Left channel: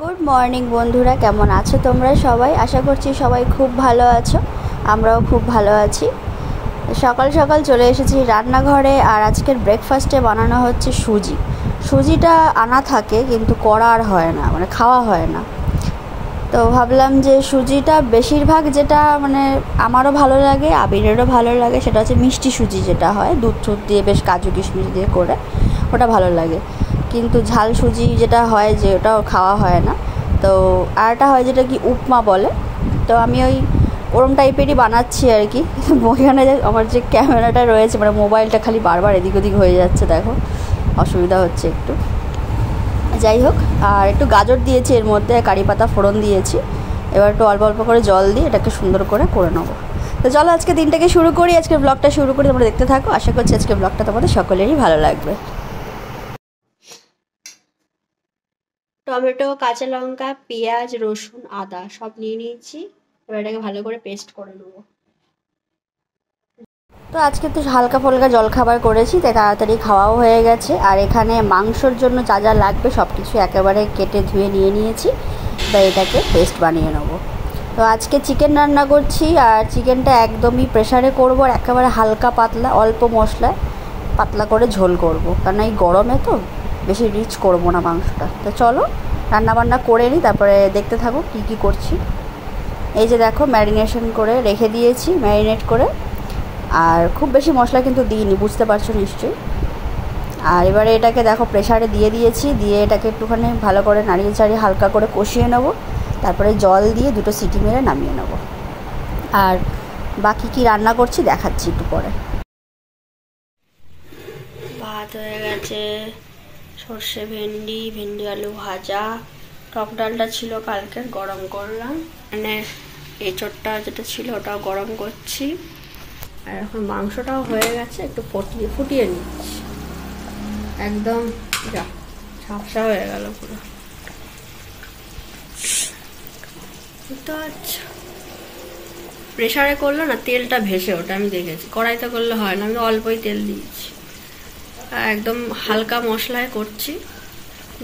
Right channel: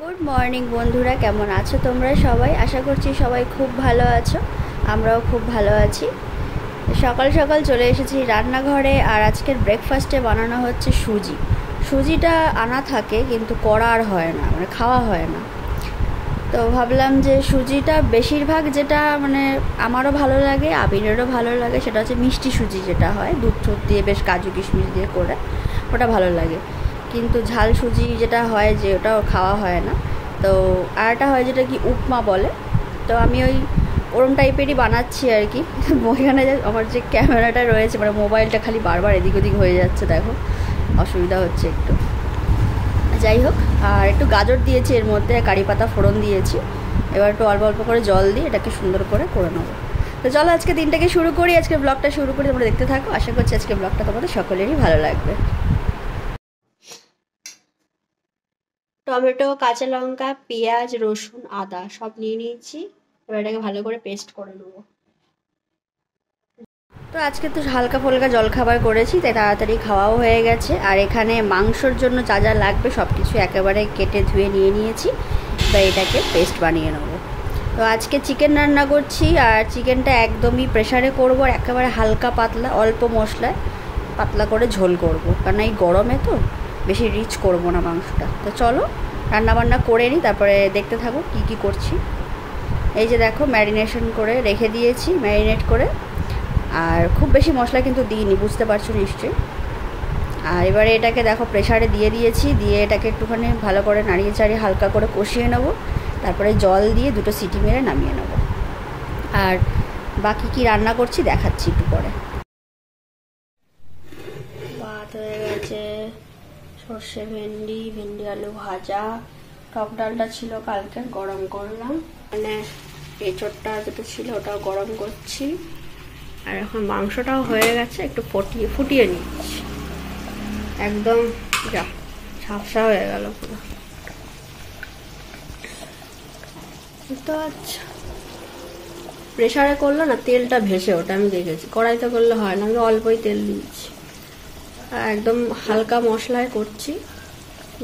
Good morning বন্ধুরা, কেমন আছো তোমরা সবাই? আশা করছি সবাই খুব ভালো আছো। আমরাও খুব ভালো আছি। সকাল সকাল চলে এসেছি রান্নাঘরে। আর আজকের ব্রেকফাস্টে বানানো হচ্ছে সুজি। সুজিটা আনা থাকে কিন্তু করা আর হয় না, মানে খাওয়া হয় না। তো ভাবলাম যে সুজিটা বেশিরভাগ যেটা মানে আমারও ভালো লাগে, আবিরেরও ভালো লাগে, সেটা হচ্ছে মিষ্টি সুজি, যেটা হয় দুধ টুধ দিয়ে বেশ কাজু কিশমিশ দিয়ে করে, ওটা ভালো লাগে। কিন্তু ঝাল সুজি যেটা হয়, যে ওটাও খাওয়া হয় না। তো আরটা হয় যেটা কি উপমা বলে। তো আমি ওরম টাইপেরই বানাচ্ছি আর কি। ওইখানে আমার যে ক্যামেরাটা রয়েছে, মানে মোবাইলটা খালি বারবার এদিক ওদিক হয়ে যাচ্ছে, দেখো অসুবিধা হচ্ছে একটু। যাই হোক, আর একটু গাজর দিয়েছি এর মধ্যে, কারি পাতা ফোড়ন দিয়েছি। এবার একটু অল্প অল্প করে জল দিয়ে এটাকে সুন্দর করে নেবো। তো চলো আজকে দিনটাকে শুরু করি, আজকে ব্লগটা শুরু করি, তোমরা দেখতে থাকো। আশা করছি আজকে ব্লগটা তোমাদের সকলেরই ভালো লাগবে। টমেটো, কাঁচা লঙ্কা, পেঁয়াজ, রসুন, আদা সব নিয়ে নিয়েছি। এবার এটাকে ভালো করে পেস্ট করে নেবো। তো আজকে তো হালকা ফুলকা জলখাবার করেছি, তাই তাড়াতাড়ি খাওয়াও হয়ে গেছে। আর এখানে মাংসর জন্য যা যা লাগবে সব কিছু একেবারে কেটে ধুয়ে নিয়ে নিয়েছি। তাই এটাকে পেস্ট বানিয়ে নেবো। তো আজকে চিকেন রান্না করছি, আর চিকেনটা একদমই প্রেসারে করবো, আর একেবারে হালকা পাতলা অল্প মশলায় পাতলা করে ঝোল করবো, কারণ এই গরমে তো বেশি রিচ করবো না মাংসটা। তো চলো রান্নাবান্না করে নিই, তারপরে দেখতে থাকো কী কী করছি। এই যে দেখো, ম্যারিনেশন করে রেখে দিয়েছি, ম্যারিনেট করে। আর খুব বেশি মশলা কিন্তু দিইনি, বুঝতে পারছো নিশ্চয়ই। আর এবারে এটাকে দেখো প্রেসারে দিয়ে দিয়েছি, দিয়ে এটাকে একটুখানি ভালো করে নাড়িয়ে চাড়িয়ে হালকা করে কষিয়ে নেবো। তারপরে জল দিয়ে 2টো সিটি মেরে নামিয়ে নেবো। আর বাকি কি রান্না করছি দেখাচ্ছি একটু পরে। ভাত হয়ে গেছে, সর্ষে ভেন্ডি, ভেন্ডি আলু ভাজা, টক ডালটা ছিল কালকে, গরম করলাম। মানে এঁচোড়টা যেটা ছিল ওটাও গরম করছি। আর এখন মাংসটাও হয়ে গেছে, একটু ফুটিয়ে নিচ্ছি। একদম যা ঝাপসা হয়ে গেল পুরো। তো আচ্ছা, প্রেসারে করলো না তেলটা ভেসে ওটা আমি দেখেছি, কড়াইতে করলে হয় না। আমি অল্পই তেল দিয়েছি, একদম হালকা মশলায় করছি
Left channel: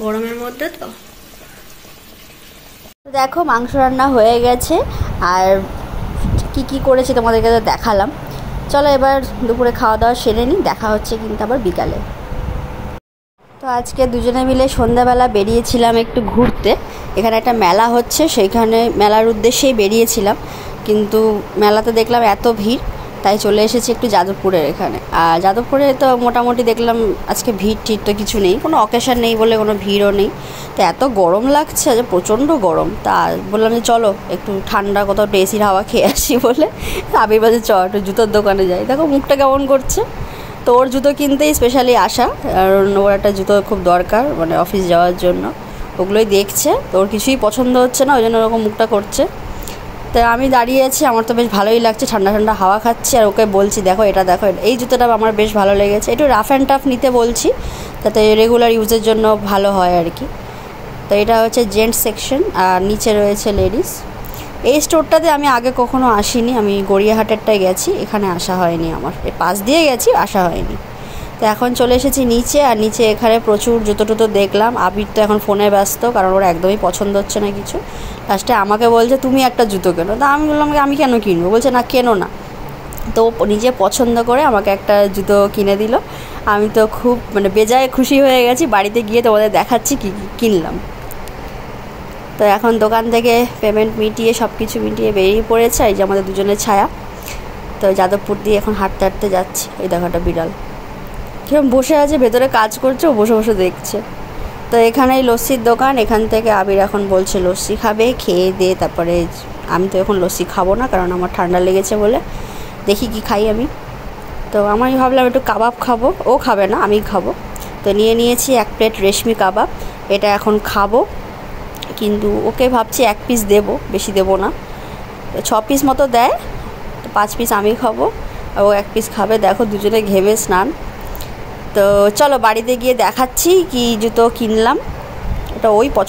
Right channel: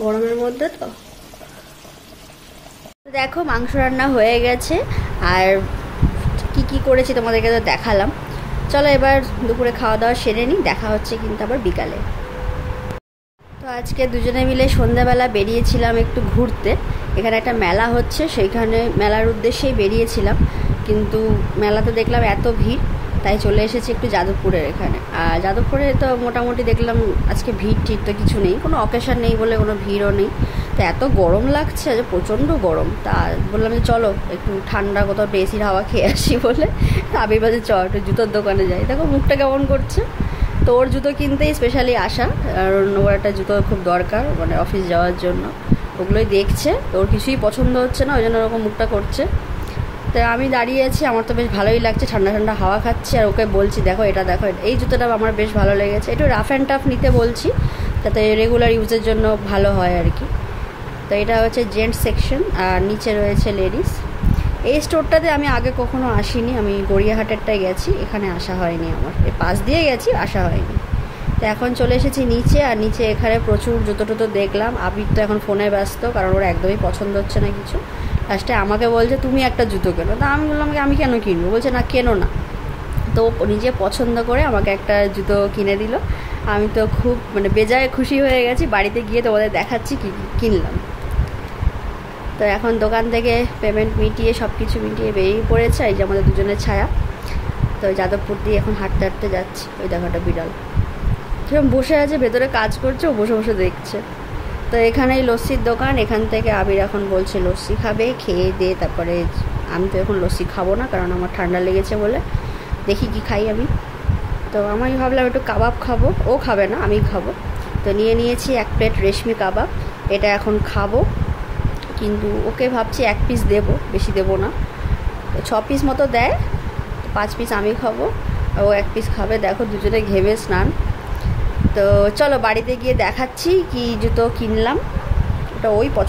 গরমের মধ্যে। তো দেখো মাংস রান্না হয়ে গেছে, আর কি কি করেছি তোমাদেরকে তো দেখালাম। চলো এবার দুপুরে খাওয়া দাওয়া সেরে নিই, দেখা হচ্ছে কিন্তু আবার বিকালে। তো আজকে দুজনে মিলে সন্ধ্যাবেলা বেরিয়েছিলাম একটু ঘুরতে। এখানে একটা মেলা হচ্ছে, সেইখানে মেলার উদ্দেশ্যেই বেরিয়েছিলাম, কিন্তু মেলাতে দেখলাম এত ভিড়, তাই চলে এসেছি একটু যাদবপুরের এখানে। আর যাদবপুরে তো মোটামুটি দেখলাম আজকে ভিড় ঠিক তো কিছু নেই, কোনো অকেশন নেই বলে কোনো ভিড়ও নেই। তো এত গরম লাগছে যে প্রচণ্ড গরম, তা বললাম যে চলো একটু ঠান্ডা কোথাও একটু এসির হাওয়া খেয়ে আসি বলে আবির বাজে চ একটু জুতোর দোকানে যাই। দেখো মুখটা কেমন করছে। তো ওর জুতো কিনতেই স্পেশালি আসা, কারণ ওর একটা জুতো খুব দরকার মানে অফিস যাওয়ার জন্য। ওগুলোই দেখছে, তো ওর কিছুই পছন্দ হচ্ছে না, ওই জন্য ওরকম মুখটা করছে। তো আমি দাঁড়িয়ে আছি, আমার তো বেশ ভালোই লাগছে, ঠান্ডা ঠান্ডা হাওয়া খাচ্ছি। আর ওকে বলছি দেখো এটা দেখো, এই জুতোটা আমার বেশ ভালো লেগেছে, একটু রাফ অ্যান্ড টাফ নিতে বলছি, যাতে রেগুলার ইউজের জন্য ভালো হয় আর কি। তো এটা হচ্ছে জেন্টস সেকশন, আর নিচে রয়েছে লেডিস। এই স্টোরটাতে আমি আগে কখনো আসিনি, আমি গড়িয়াহাটেরটায় গেছি, এখানে আসা হয়নি, আমার এর পাশ দিয়ে গেছি, আসা হয়নি। তো এখন চলে এসেছি নিচে, আর নিচে এখানে প্রচুর জুতো টুতো দেখলাম। আবির তো এখন ফোনে ব্যস্ত, কারণ ওর একদমই পছন্দ হচ্ছে না কিছু। লাস্টে আমাকে বলছে তুমি একটা জুতো কেনো, তা আমি বললাম আমি কেন কিনবো, বলছে না কেনো না। তো নিজে পছন্দ করে আমাকে একটা জুতো কিনে দিল। আমি তো খুব মানে বেজায় খুশি হয়ে গেছি। বাড়িতে গিয়ে তোমাদের দেখাচ্ছি কী কিনলাম। তো এখন দোকান থেকে পেমেন্ট মিটিয়ে সব কিছু মিটিয়ে বেরিয়ে পড়েছে, এই যে আমাদের দুজনের ছায়া। তো যাদবপুর দিয়ে এখন হাঁটতে হাঁটতে যাচ্ছি। ওই দেখো একটা বিড়াল কিরকম বসে আছে, ভেতরে কাজ করছে, ও বসে বসে দেখছে। তো এখানেই লস্যির দোকান, এখান থেকে আবির এখন বলছে লস্যি খাবে, খেয়ে দিয়ে তারপরে। আমি তো এখন লস্যি খাবো না, কারণ আমার ঠান্ডা লেগেছে বলে। দেখি কি খাই আমি। তো আমি ভাবলাম একটু কাবাব খাবো, ও খাবে না আমি খাবো। তো নিয়ে নিয়েছি 1 প্লেট রেশমি কাবাব, এটা এখন খাবো। কিন্তু ওকে ভাবছি 1 পিস দেবো, বেশি দেবো না। 6 পিস মতো দেয়, 5 পিস আমি খাবো, ও 1 পিস খাবে। দেখো দুজনে ঘেমে স্নান। তো চলো বাড়িতে গিয়ে দেখাচ্ছি কি জুতো কিনলাম। ওটা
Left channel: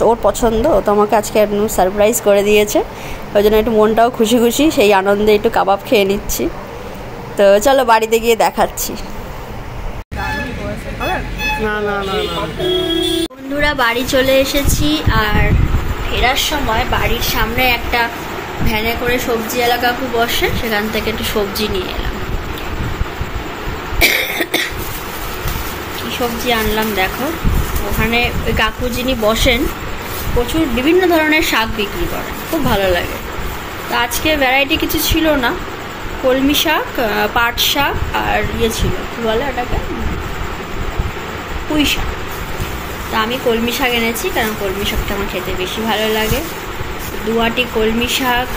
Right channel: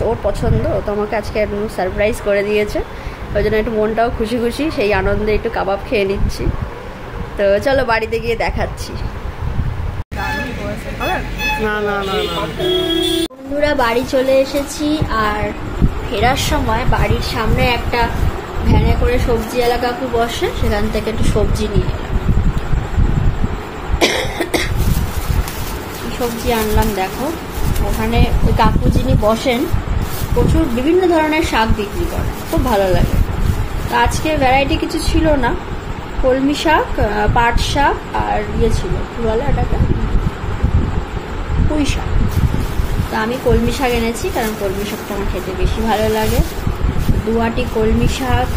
ওর পছন্দ, ও তো আমাকে আজকে সারপ্রাইজ করে দিয়েছে, ওই জন্য একটু মনটাও খুশি খুশি, সেই আনন্দে একটু কাবাব খেয়ে নিচ্ছি। তো চলো বাড়িতে গিয়ে দেখাচ্ছি। না না না না বন্ধুরা, বাড়ি চলে এসেছি। আর ফেরার সময় বাড়ির সামনে একটা ভ্যানে করে সবজিওয়ালা কাকু বসে, সেখান থেকে একটু সবজি নিয়ে এলাম। কি সবজি আনলাম দেখো। ওখানে ওই কাকু যিনি বসেন প্রচুর বিভিন্ন ধরনের শাক বিক্রি করেন, খুব ভালো লাগে। তো আজকে ভ্যারাইটি কিছু ছিল না, কলমি শাক, পাট শাক আর ছিল কি বলে ওটাকে, পুঁই শাক। তো আমি কলমি শাক এনেছি, কারণ কলমি শাকটা আমার খেতে বেশি ভালো লাগে। 2 আঁটি কলমি শাক,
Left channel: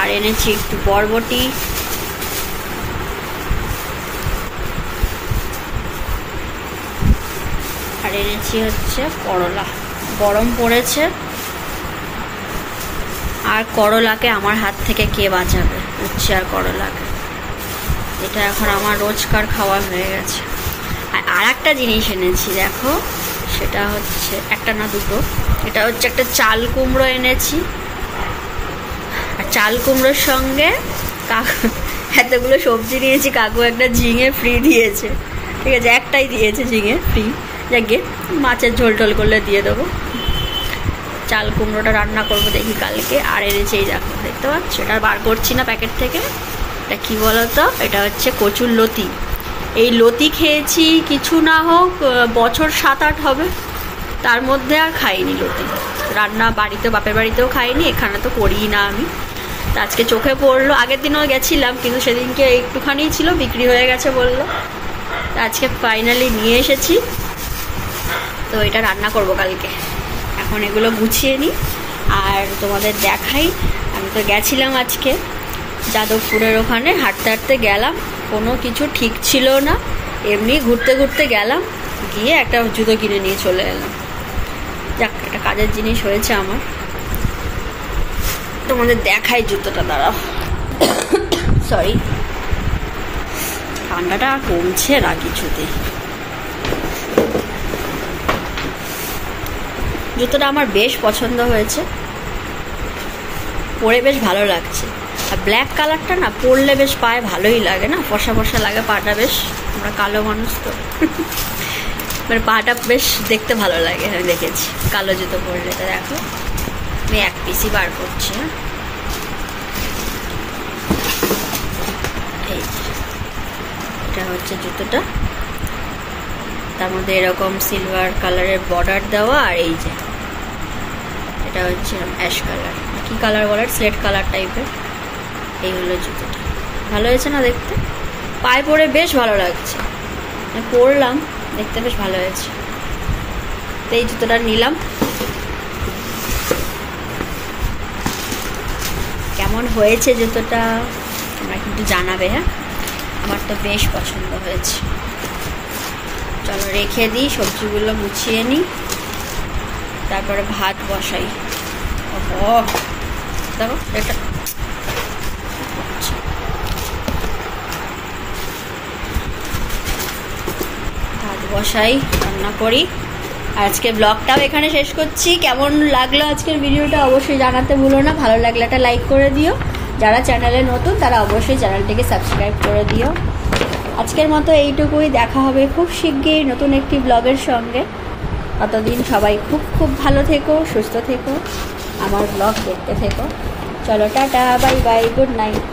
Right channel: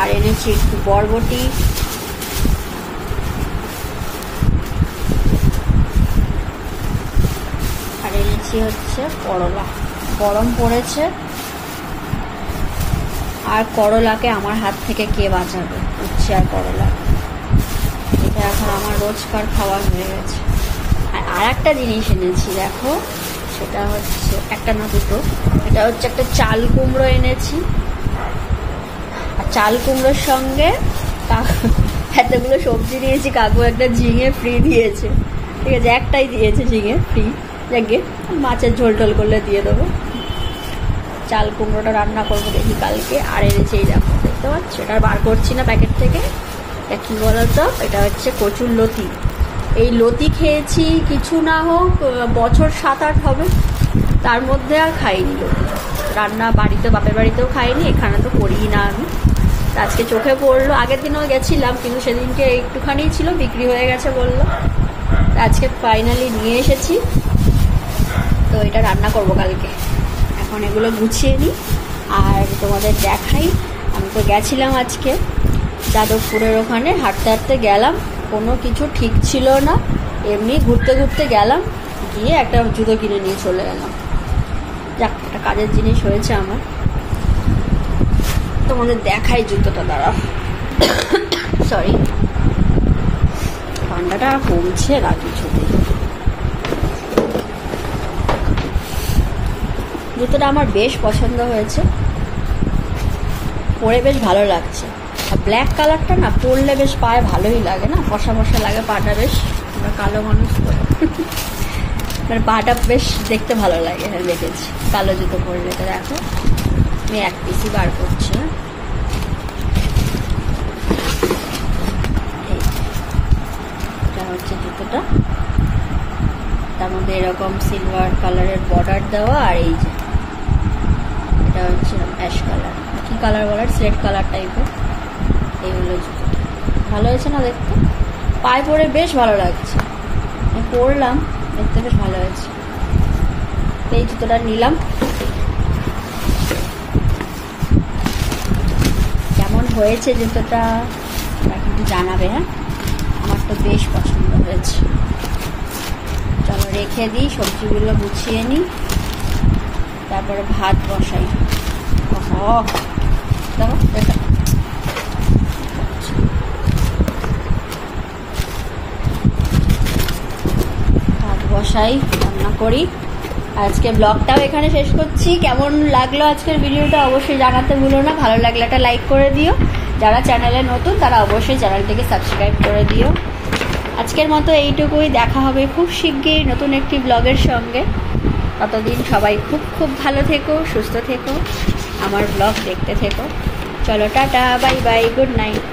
আর এনেছি একটু বরবটি, আর এনেছি হচ্ছে করলা। গরম পড়েছে, আর করলাকে আমার হাত থেকে কে বাঁচাবে, উচ্ছে আর করলাকে। এটা এখন আমার রোজকার খাওয়া হয়ে গেছে। আর একটা জিনিস এনেছি দেখো, সেটা হচ্ছে একটা না দুটো, এটা হচ্ছে একটা চাল কুমড়ো এনেছি। আর চাল কুমড়োর সঙ্গে এতগুলো সবজি নিয়েছি, কাকু একটা ঝিঙে ফ্রি দিয়েছে, ঠিক আছে, একটাই দিয়েছে ঝিঙে ফ্রি, যাকে মাছের ঝোল টোল করলে দিয়ে দেবো। চাল কুমড়োটা রান্না করবো দেখি কালকে। আর এনেছি এই দেখো, দেখতে পাচ্ছ, এটা বার করছি না প্যাকেট থেকে, এটা কি বলতো, এটা হচ্ছে কচুর লতি। এই লতি খেয়েছি কিছু না হোক বছর 7-8 হবে, তার মধ্যে আর খাইনি লতি। রান্না বাড়িতে, বাপের বাড়িতেও খাইনি, এখানে তো করিই না আমি। আজকে চোখে পড়লো, আগের দিনও গেছিলাম কিন্তু সেদিনকে একটুখানি ছিল, বিক্রি হয়ে গেছে বললো। আজকে ফাইনালি নিয়ে এসেছি, তো এটা রান্না করব কালকে। এখন এগুলো গুছিয়ে নিই আর তোমাদের দেখাই। আমি তো গেছিলাম আজকে যাদবপুরের ওখানে, হাঁটতে হাঁটতে গেলাম, কোনো কিছু ঠিক ছিল না, এমনি ঘুরতে ঘুরতে গেলাম, গিয়ে একটা জুতো কিনে নিয়ে চলে এলাম। যাক, একটা কাজের জিনিস হয়েছে আমার। তোমাদের দেখাই জুতোটা, দাঁড়াও, সরি, ঠান্ডাটা কমছে না কিছুতেই। জুতোটা আমার বেশ পছন্দ হয়েছে, পরে বেশ ভালো লাগছে। আর ব্ল্যাক কালারটা না পরলে বেশ পায়ে ভালোই লাগে না, ফসা ফসা লাগে পাটা বেশ, আমরা কালো মানুষ তো মানে পাটা বেশ দেখতে ভালো লাগে, আমি দেখেছি কালো জুতো পরলে। তো দেখো আমি এক পিসই বার করছি, এই এটা হচ্ছে জুতোটা, তার মধ্যে এরকম সিলভার কালারের বর্ডার দেওয়া, আর এই যে এটা হচ্ছে অ্যাশ কালার, কি কালার বলার, স্লেট কালার টাইপের। এই হলো জুতোটা, ভালো হয়েছে না দেখতে, পায়ে পরে বেশ ভালো লাগছে, পরলাম, দেখতে বেশ ভালো হয়েছে। তো এই জুতোটা নিলাম। কেমন হয়েছে জুতোটা তোমরা কিন্তু জানাবে, হ্যাঁ, আমার তো বেশ পছন্দ হয়েছে। চলো রেখে দিই, সবজিগুলো গুছিয়ে নিই, তারপরে ভাত বসাই। দেখো এটা ভাত বসাই, রান্না করি। আজকে ব্লগটাও এখানে শেষ করছি। কেমন লাগলো আজকের ভিডিওটা অবশ্যই জানাতে ভুলো না, ভালো লাগলে একটা লাইক করে দিও, যারা চ্যানেলে নতুন তারা অবশ্যই চ্যানেলটিকে সাবস্ক্রাইব করে দিও। আজকের মতো এইটুকুই, দেখা হবে খুব শিগগিরই নতুন একটি ব্লগের সঙ্গে। ততদিন সবাই খুব খুব ভালো থেকো, সুস্থ থেকো, আমার ব্লগ দেখতে থেকো। চলো tata, bye bye, good night.